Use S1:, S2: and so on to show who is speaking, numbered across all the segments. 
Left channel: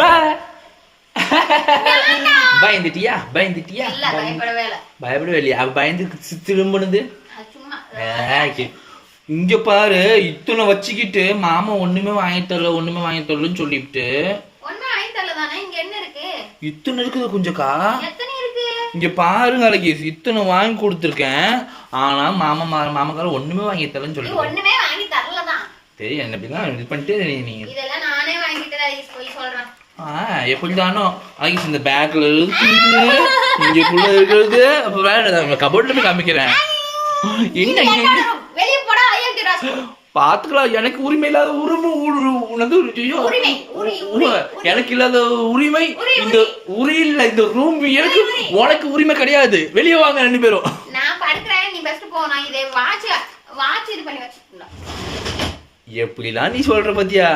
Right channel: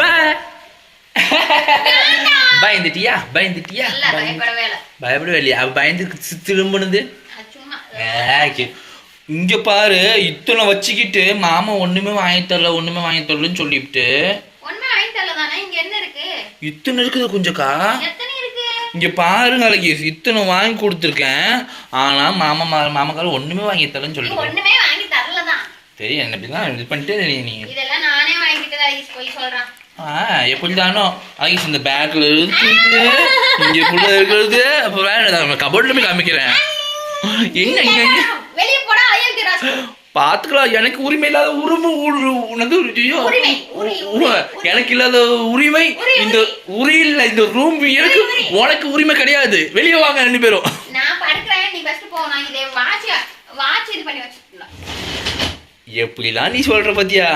S1: பா பயந்துட்டியா? பயந்துட்டியா?
S2: பயப்படவே இல்ல.
S1: பயப்படவே இல்லையா? அவ பயந்து திரும்பினது? இங்க பாரு இத்தனை வச்சுக்கிட்டு மாமா ஒண்ணுமே வாங்கி தரல ஒண்ணுமே வாங்கி தரலன்னு சொல்லிவிட்டு. இத்தனை இருக்குது கொஞ்சக்கா? இங்க பாருங்க அழகேஷ் இத்தனை வாங்கி கொடுத்துருக்கேன். ஆனா மாமா மாமாக்கார ஒண்ணுமே வாங்கி தரலன்னு சொல்லிட்டு சரி என்ன இப்படிதான் இது பண்ணிட்டு நீ நீ.
S2: இதெல்லாம் நானே வாங்கிட்டு தான்? போய் சொல்றேன்
S1: ஆ எப்படி தானோ அழகேஷ் இந்த பேக்ல இருக்குது இங்கக்குள்ள இருக்கிறது. அப்ப வேற கபோர்ட்ல போய் காமிக்கிறேன். என்ன இங்க இங்க. பாத்துக்கலாம் எனக்கு உரிமை இல்லாத உரிமை உரு- உனக்கு எனக்கு இல்லாத உரிமை
S2: உரி,
S1: இந்த உரி இல்ல இந்த ரூம் எனக்கு உனக்கு உரிமை கிடையாது. வெளியே வாங்க ரெண்டு பேரும்.
S2: நான் படுக்கிறேன் நீ ஃபர்ஸ்ட் போ. நான் இதை வாட்ச் வாட்ச் இது பண்ணி வச்சிருந்தேன்
S1: எப்படிலாம் நீ சொல்ற பத்தியா?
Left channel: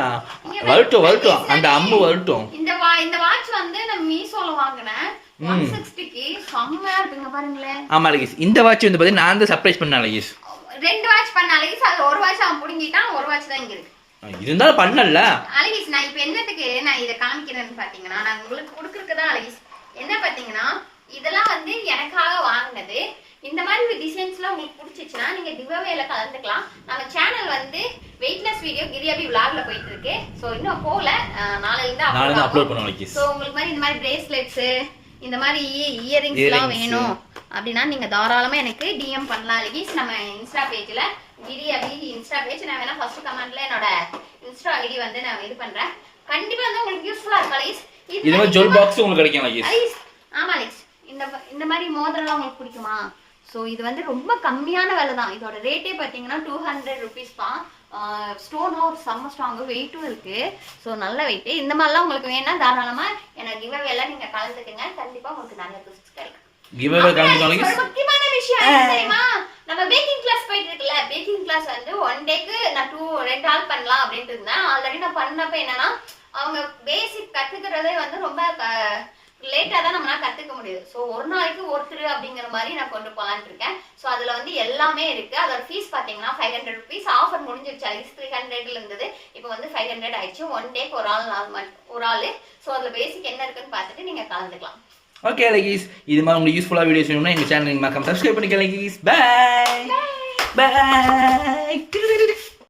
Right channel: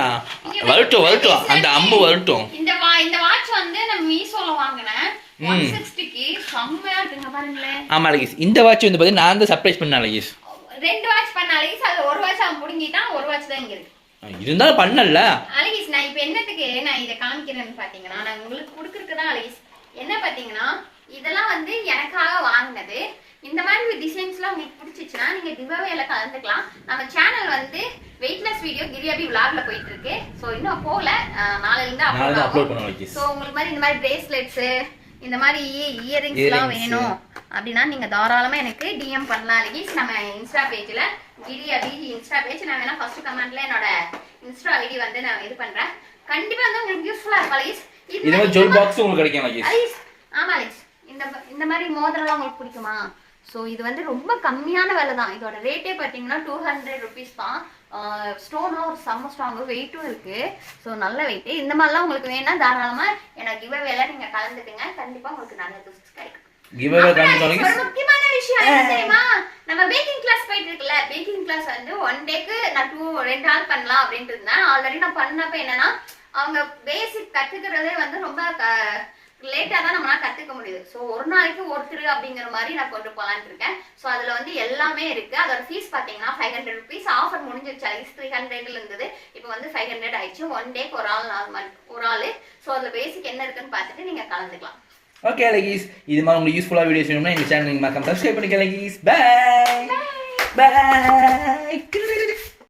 S1: வரட்டும் வரட்டும். அந்த அம்பு வரட்டும்.
S2: இந்த இந்த வாட்ச் வந்து நான் மீஷோல வாங்கினேன்.
S1: ஆமா அழகேஷ் இந்த வாட்ச் வந்து பாத்தீங்கன்னா நான் தான் சர்ப்ரைஸ் பண்ணேன் அழகேஷ்
S2: ரெண்டு வாட்ச் பண்ண அழகிஸ். அது ஒரு வாட்ச் அவன் புடுங்கிட்டான் ஒரு வாட்ச் தான் இங்க இருக்கு.
S1: இருந்தாலும் பண்ணல.
S2: அழகிஸ் நான் இப்ப என்னத்துக்கு நான் இதை காமிக்கிறேன்னு பாத்தீங்கன்னா நான் உங்களுக்கு கொடுக்கறதுக்கு தான் அழகிஸ். என்ன பாத்தீங்கன்னா இதெல்லாம் வந்து எனக்காக வாங்கினது. இந்த மாதிரி டிசைன்ஸ்லாம் உங்களுக்கு பிடிச்சிச்சுன்னா நீங்க கிவ்அவேல கலந்துக்கலாம். நம்ம சேனல் வந்து வெயிட்லெஸ் வீடியோ கிரியாபி விளாக்ல போயிட்டு இருக்கு ஸோ இன்னும் போகல. அஹ் நாளைல இருந்து
S1: அப்லோட். பண்ணுவோம்
S2: ஸோ உங்களுக்கு மாதிரி இந்த மாதிரி பிரேஸ்லெட்ஸ் இந்த மாதிரி இயரிங்ஸ்லாம்
S1: Earrings.
S2: வேணும் அப்படின்னா நீங்க தாராளமா எனக்கு டிஎம் பண்ணலாம் அழகிஸ் நம்ம இன்ஸ்டா பேஜ்ல கிரியா வீடி இன்ஸ்டா பேஜ் நான் வேணா ஃபர்ஸ்ட் கமெண்ட்ல என்னோட இன்ஸ்டா ஐடி வந்து நான் இது பண்றேன். கண்டிப்பா வந்து உங்களுக்கு யூஸ்ஃபுல்லா இருக்கும் அழகிஸ்
S1: இது மாதிரி ஜுவல் பாக்ஸ் உங்களுக்கு கிடைக்கும்
S2: அழகிஸ் ஆமா அலெக்ஸ் இந்த இந்த மாதிரி மோதிரம்லாம் உங்களுக்கு பிடிக்குமா? ஸோ இது வந்து ரொம்ப கம்மியான விலை தான் இதோட ரேட்டே பார்த்தீங்கன்னா டூ ஹண்ட்ரட் ருபீஸ் தான். ஸ்டோனும் ஒரு செம்ம ஸ்ட்ராங்கு வெயிட்டும் இருக்கு. ஸோ நல்ல வெயிட் இந்த மாதிரிலாம் உங்களுக்கு வேணா தாராளமா என்னோட கிவ் எல்லாம் நீங்க கலந்துக்குங்க. கண்டிப்பா உங்களுக்கு நல்ல கிஃப்ட்ஸ் கிடைக்கும். முக்கியமான விஷயம் தெரியுமா? நம்ம பேக்கிங் கிளாஸ் போயிட்டு இருக்குல்ல பேக்கிங் கிளாஸ் வந்து ஒன் டேக்கு நான் டூ ரெண்டு நாள் பண்ணலாம் அப்படின்ட்டு இருந்தேன். ஆல்ரெடி நான் பண்ணப்ப என்னன்னா அவங்க பேசிக் கத்துக்கிறதே வந்து ரொம்ப லேட்டாக தான் நம்மளால கத்துக்க முடியுது. ஸோ ஒரு நாளைக்கு ஒருத்தர் அப்படிங்கிற மாதிரி நான் கொண்டு போகலான்னு இருக்கேன். ஸோ அதில் வந்து எல்லாமே இருக்கு. அதோட ஃபீஸ் பார்த்தீங்கன்னா ஃபைவ் ஹண்ட்ரட் ருபீஸ் ஆஃபர் முடிஞ்சிருச்சு. அட்லீஸ்ட் த்ரீ ஹண்ட்ரட்ல இருந்தது. இப்போ வந்து ஃபைவ் ஹண்ட்ரட் ஆயிடுச்சு. ஒன் டேக்கு ஒரு ஆள் நாலு மணி ஒரு ஆள். ஸோ அதில் பேசிக் என்ன இருக்குன்னு பார்த்துட்டு நீங்கள் கலந்துக்கலாம்.
S1: ஓகே அழகேஷ் இது மாதிரி உங்களுக்கு யூஸ்ஃபுல்லாக வீடியோஸ் வேணும்னா எங்கள் சேனல் மறக்காம சப்ஸ்கிரைப் பண்ணிக்க அழகேஷ் பை பை